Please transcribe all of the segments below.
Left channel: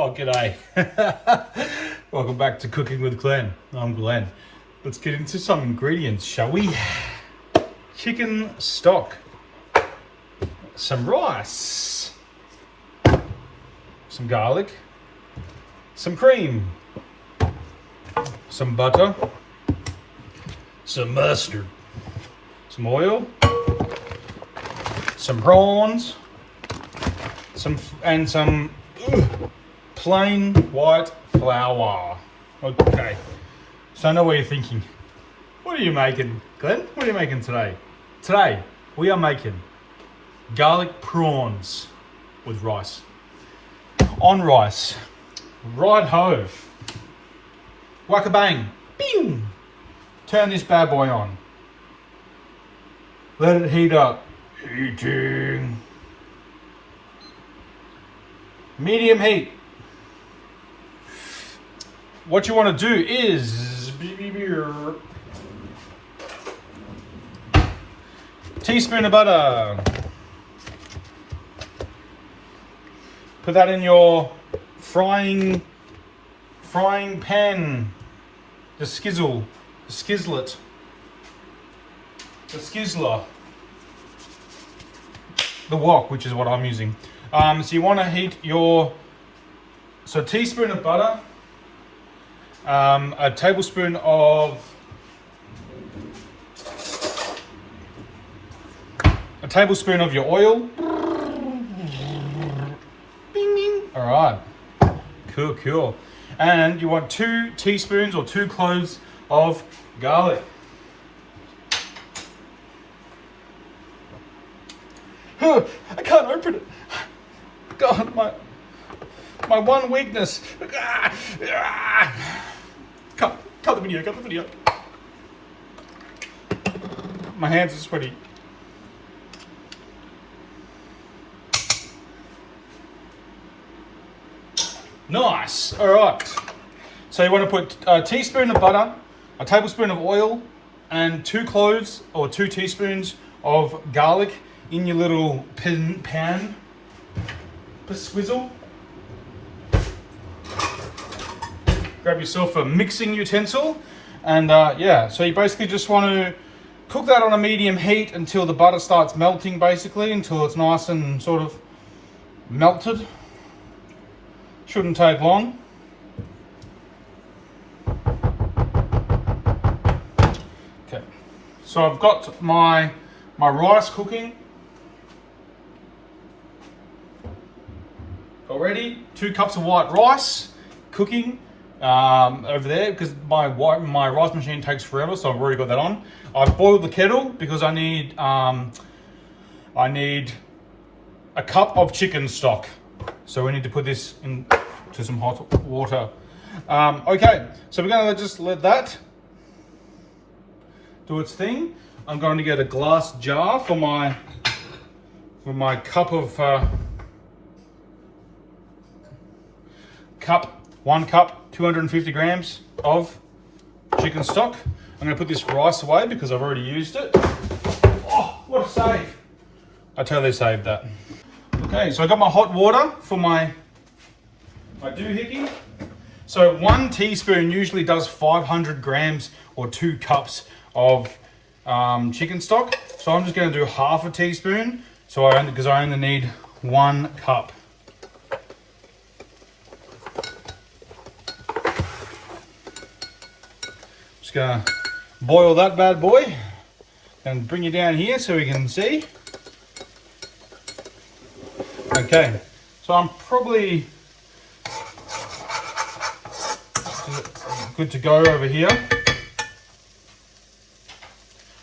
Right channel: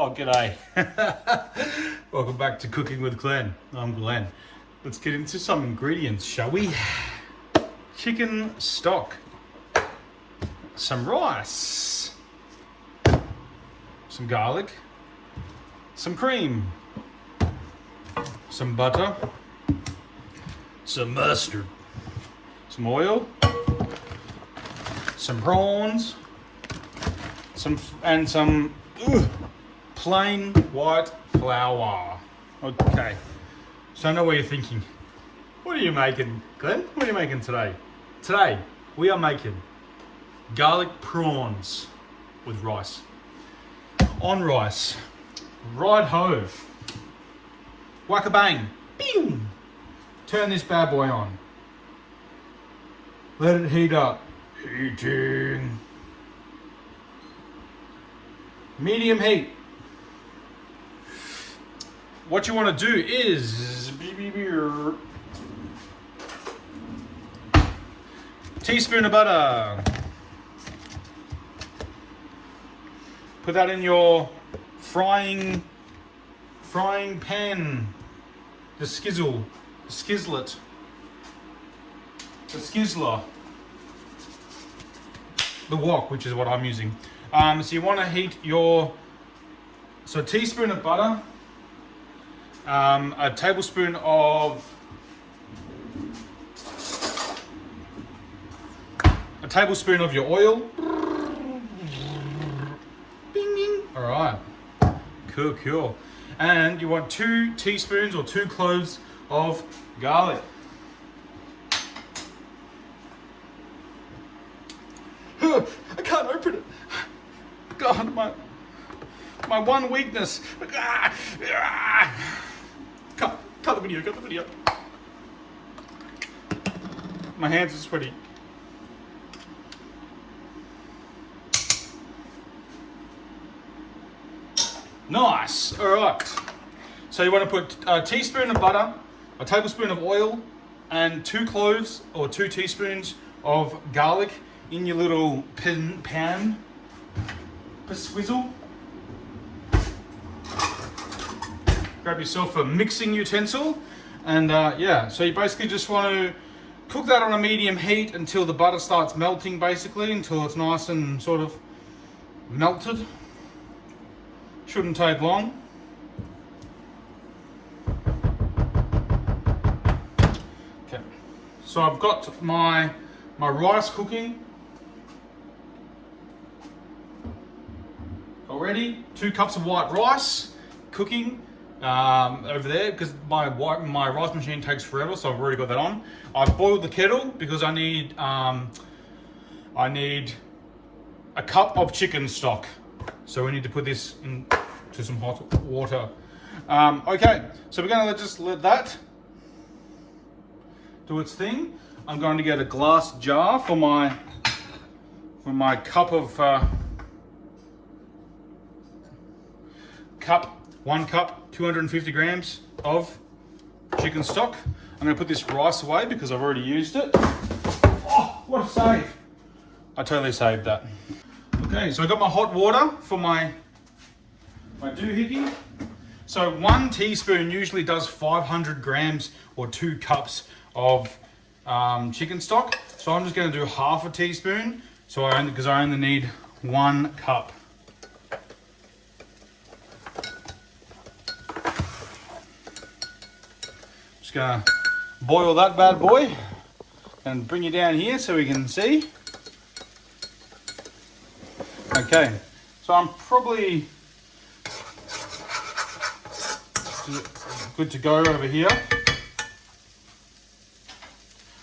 Oh, g'day. Welcome back to Cooking with Glenn. I'm Glenn. Let's get into some ingredients, shall we? Chicken stock, some rice, some garlic, some cream, some butter, some mustard, some oil, some prawns, some plain white flour. Okay, so I know what you're thinking. What are you making, Glenn? What are you making today? Today we are making garlic prawns with rice. On rice. Right ho. Whack a bang. Bing. Turn this bad boy on. Let it heat up. Heating. Medium heat. What you want to do is teaspoon of butter. Put that in your frying pan. The skizzler, the wok, which is what I'm using. So you want to heat a teaspoon of butter, a tablespoon of your oil. Bing, bing. All right, cool. And you want 2 teaspoons or 2 cloves of garlic. I can't open it. God, my one weakness. Cut the video. My hands are sweaty. Nice. All right. So you want to put a teaspoon of butter, a tablespoon of oil, and 2 cloves or 2 teaspoons of garlic in your little pan. Squizzle. Grab yourself a mixing utensil, and so you basically just want to cook that on a medium heat until the butter starts melting, basically until it's nice and sort of melted. Shouldn't take long. Okay, so I've got my rice cooking already. 2 cups of white rice cooking over there because my rice machine takes forever, so I've already got that on. I've boiled the kettle because I need a cup of chicken stock, so we need to put this into some hot water. Okay, so we're going to just let that do its thing. I'm going to get a glass jar for my cup of 1 cup, 250 grams of chicken stock. I'm going to put this rice away because I've already used it. Oh, what a save. I totally saved that. Okay, so I got my hot water for my doohickey. So 1 teaspoon usually does 500 grams or 2 cups of chicken stock. So I'm just going to do half a teaspoon because I only need 1 cup. Just gonna boil that bad boy and bring you down here so we can see. Okay, so I'm probably good to go over here.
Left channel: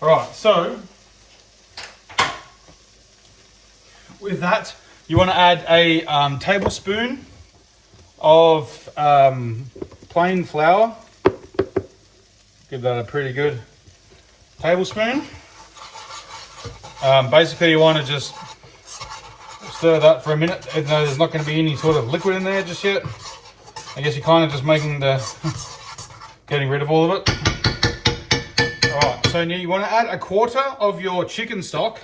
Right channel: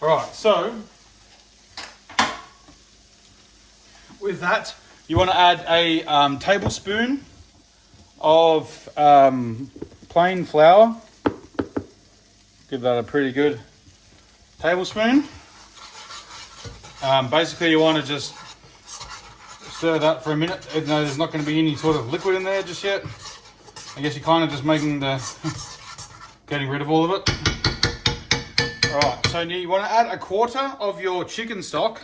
All right, so with that, you want to add a tablespoon of plain flour. Give that a pretty good tablespoon. Basically, you want to just stir that for a minute, even though there's not going to be any sort of liquid in there just yet. I guess you're kind of just getting rid of all of it. Alright, so you want to add a quarter of your chicken stock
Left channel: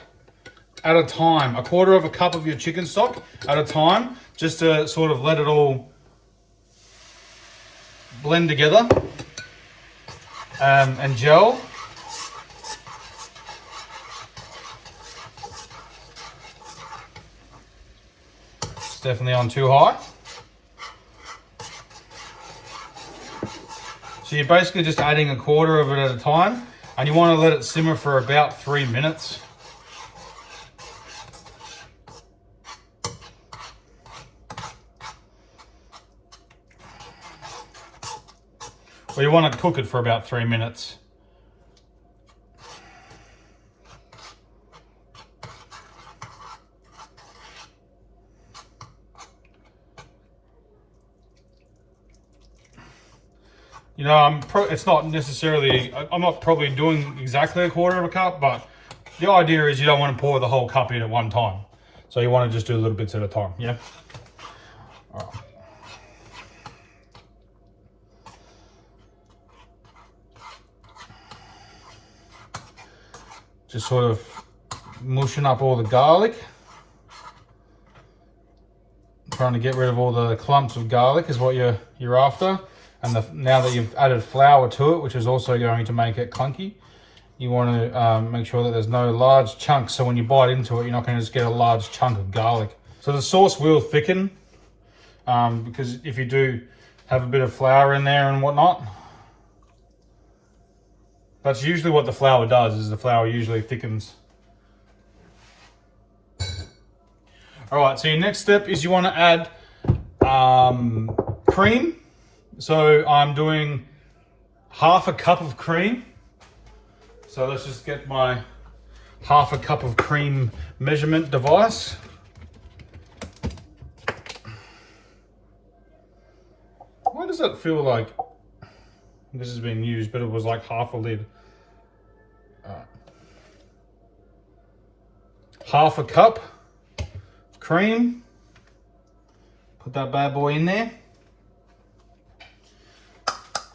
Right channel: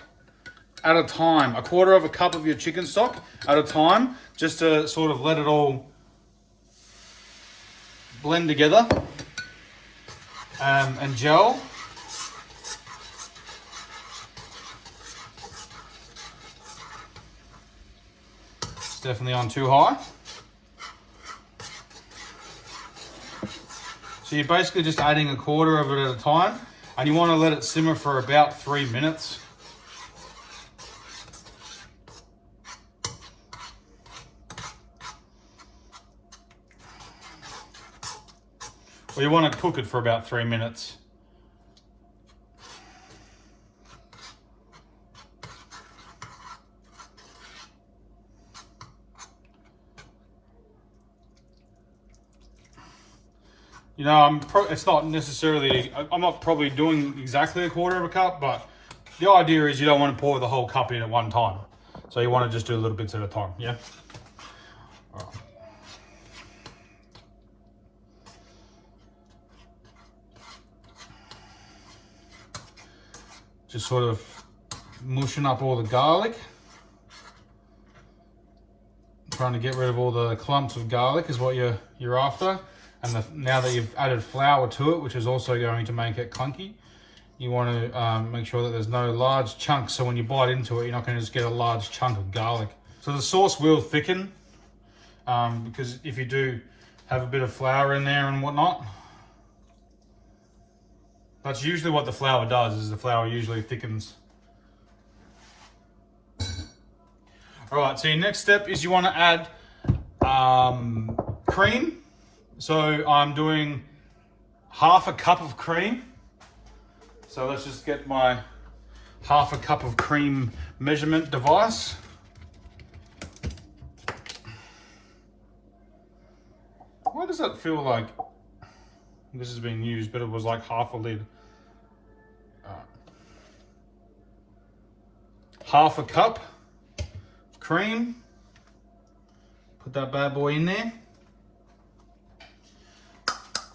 at a time. A quarter of a cup of your chicken stock at a time, just to sort of let it all blend together and gel. It's definitely on too high. So you're basically just adding a quarter of it at a time, and you want to let it simmer for about 3 minutes. Well, you want to cook it for about 3 minutes. You know, it's not necessarily, I'm not probably doing exactly a quarter of a cup, but the idea is you don't want to pour the whole cup in at one time. So you want to just do little bits at a time, yeah? All right. Just sort of mushing up all the garlic. Trying to get rid of all the clumps of garlic is what you're after. And now that you've added flour to it, which is also going to make it clunky, you want to make sure that there's no large chunks. So when you bite into it, you're not going to just get a large chunk of garlic. So the sauce will thicken because if you do have a bit of flour in there and whatnot, that's usually what the flour does, is the flour usually thickens. All right, so your next step is you want to add cream. So I'm doing half a cup of cream. So let's just get my half a cup of cream measurement device. Why does that feel like this is being used, but it was like half a lid? Half a cup cream. Put that bad boy in there.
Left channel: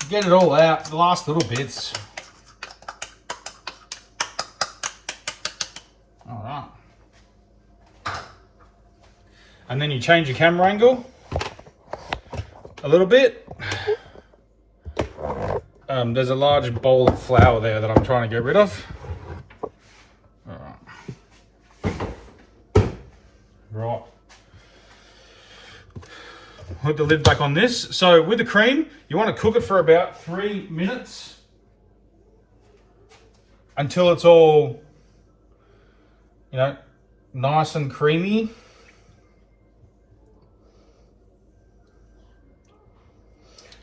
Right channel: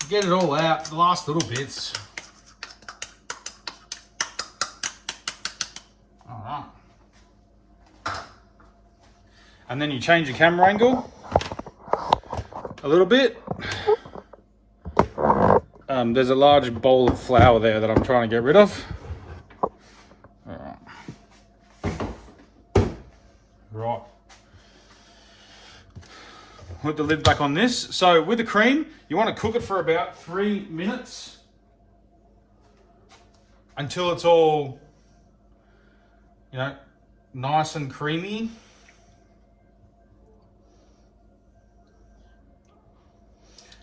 Get it all out, the last little bits. All right. And then you change your camera angle a little bit. There's a large bowl of flour there that I'm trying to get rid of. All right. Right. Put the lid back on this. So with the cream, you want to cook it for about 3 minutes until it's all, you know, nice and creamy.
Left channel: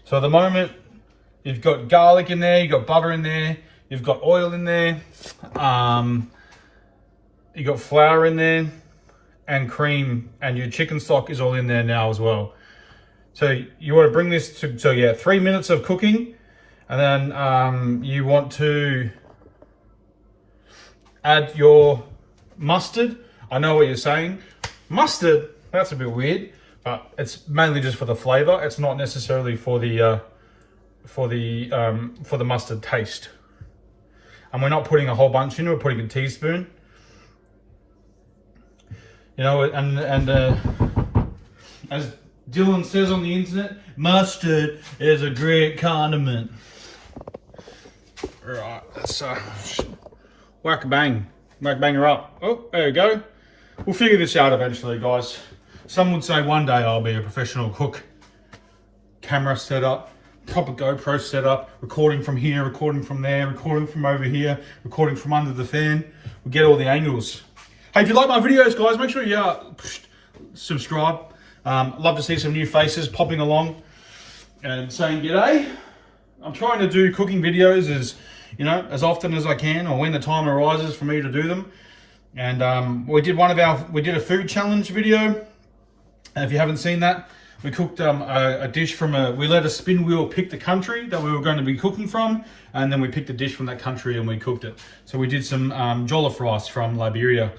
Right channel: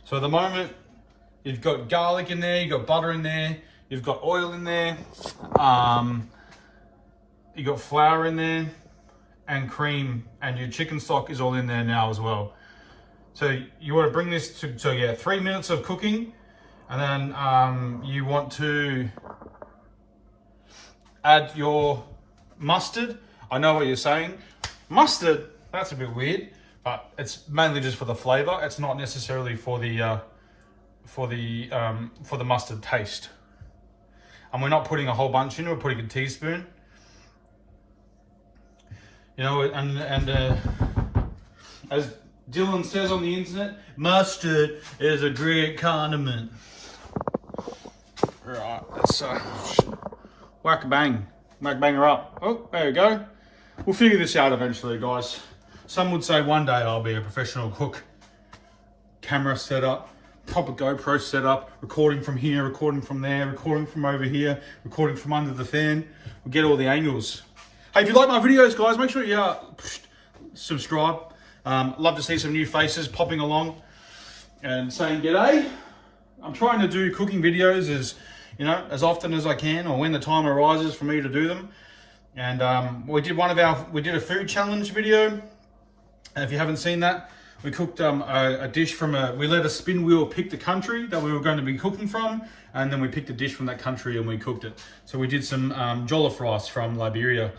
So at the moment, you've got garlic in there, you've got butter in there, you've got oil in there, you've got flour in there, and cream, and your chicken stock is all in there now as well. So you want to bring this to, 3 minutes of cooking, and then you want to add your mustard. I know what you're saying. Mustard, that's a bit weird, but it's mainly just for the flavor. It's not necessarily for the mustard taste. And we're not putting a whole bunch in, we're putting a teaspoon. You know, and as Dylan says on the internet, mustard is a great condiment. Right, let's whack bang her up. Oh, there we go. We'll figure this out eventually, guys. Some would say one day I'll be a professional cook. Camera set up, proper GoPro set up, recording from here, recording from there, recording from over here, recording from under the fan. We'll get all the angles. Hey, if you like my videos, guys, make sure you subscribe. Love to see some new faces popping along and saying g'day. I'm trying to do cooking videos as often as I can, or when the time arises for me to do them. And we did a food challenge video. And if you haven't seen that, we cooked a dish from we let a spin wheel pick the country that we were going to be cooking from, and then we picked a dish from that country and we cooked it. So we did some jollof rice from Liberia.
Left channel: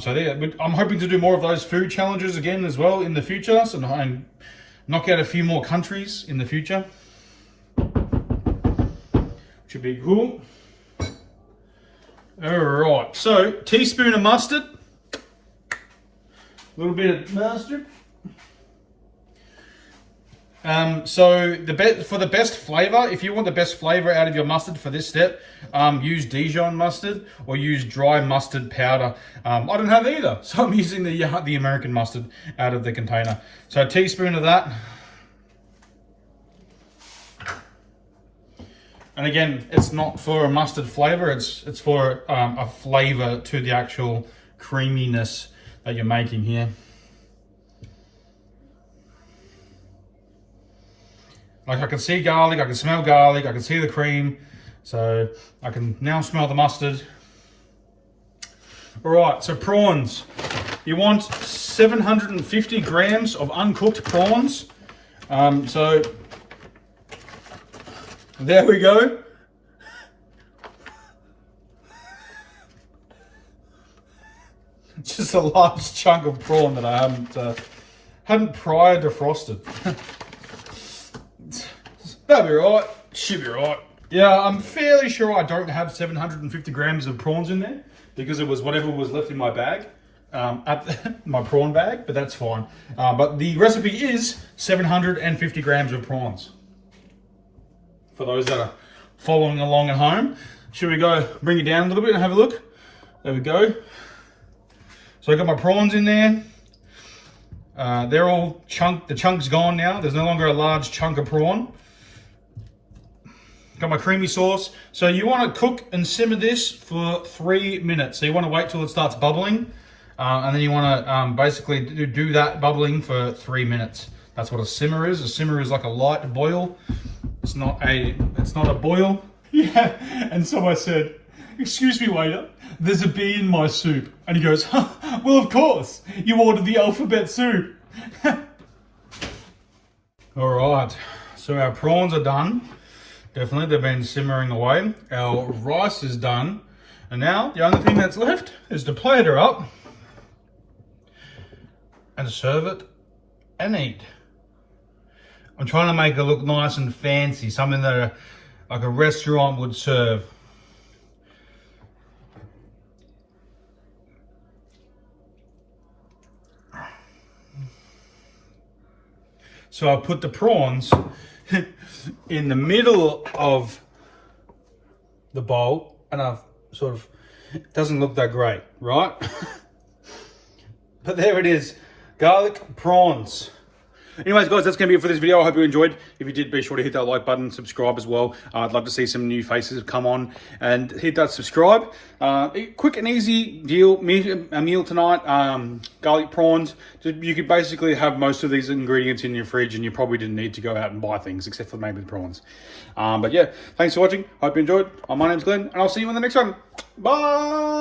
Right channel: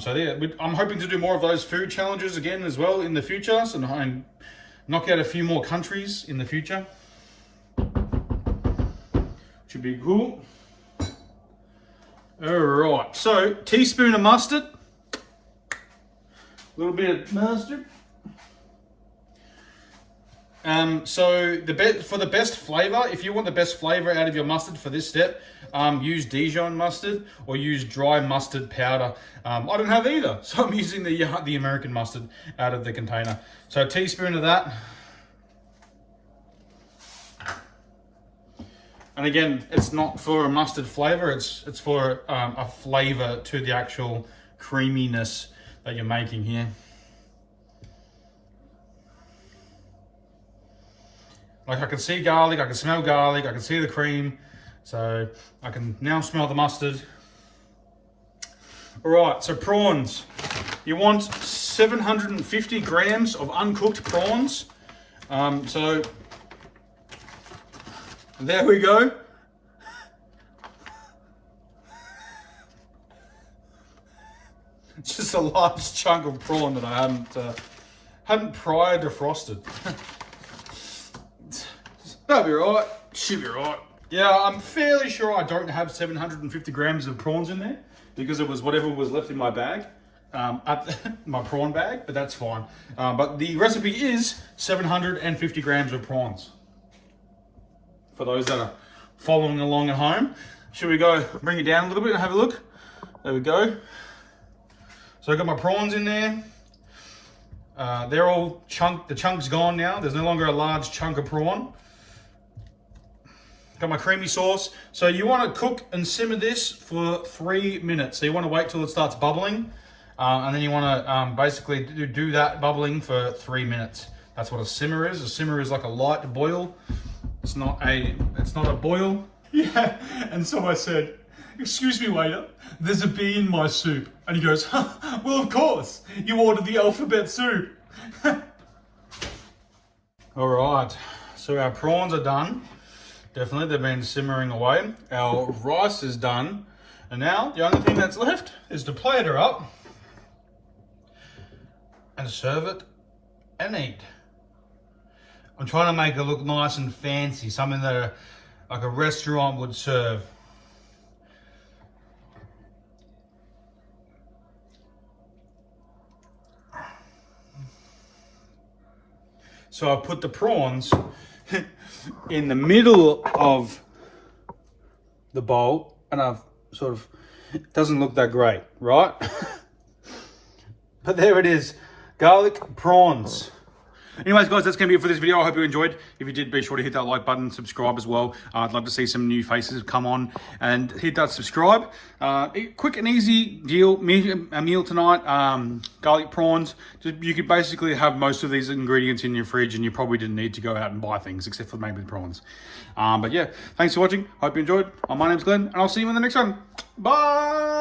So there, I'm hoping to do more of those food challenges again as well in the future, so and knock out a few more countries in the future. Should be cool. All right, so teaspoon of mustard, a little bit of mustard, So for the best flavor, if you want the best flavor out of your mustard for this step, use Dijon mustard or use dry mustard powder. I don't have either, so I'm using the American mustard out of the container. So a teaspoon of that. And again, it's not for a mustard flavor, it's for a flavor to the actual creaminess that you're making here. Like I can see garlic, I can smell garlic, I can see the cream. So I can now smell the mustard. All right, so prawns. You want 750 grams of uncooked prawns. So there we go. It's just a large chunk of prawn that I hadn't prior defrosted. That'll be right. Should be right. Yeah, I'm fairly sure I don't have 750 grams of prawns in there because it was whatever was left in my bag, my prawn bag, but that's fine. But the recipe is 750 grams of prawns. For those that are following along at home, should we go bring it down a little bit and have a look? There we go. So I got my prawns in there. They're all chunked. The chunk's gone now. There's no longer a large chunk of prawn. Got my creamy sauce. So you want to cook and simmer this for 3 minutes. So you want to wait till it starts bubbling. And then you want to basically do that bubbling for 3 minutes. That's what a simmer is. A simmer is like a light boil. It's not a boil. Yeah, and so I said, "Excuse me, waiter, there's a bee in my soup." And he goes, "Well, of course, you ordered the alphabet soup." All right, so our prawns are done. Definitely, they've been simmering away. Our rice is done. And now, the only thing that's left is to plate her up and serve it and eat. I'm trying to make it look nice and fancy, something that like a restaurant would serve. So I put the prawns in the middle of the bowl, and I've sort of, it doesn't look that great, right? But there it is, garlic prawns. Anyways, guys, that's going to be it for this video. I hope you enjoyed. If you did, be sure to hit that like button, subscribe as well. I'd love to see some new faces come on and hit that subscribe. Quick and easy deal, a meal tonight, garlic prawns. You could basically have most of these ingredients in your fridge and you probably didn't need to go out and buy things except for maybe the prawns. But yeah, thanks for watching. Hope you enjoyed. My name's Glenn and I'll see you in the next one. Bye!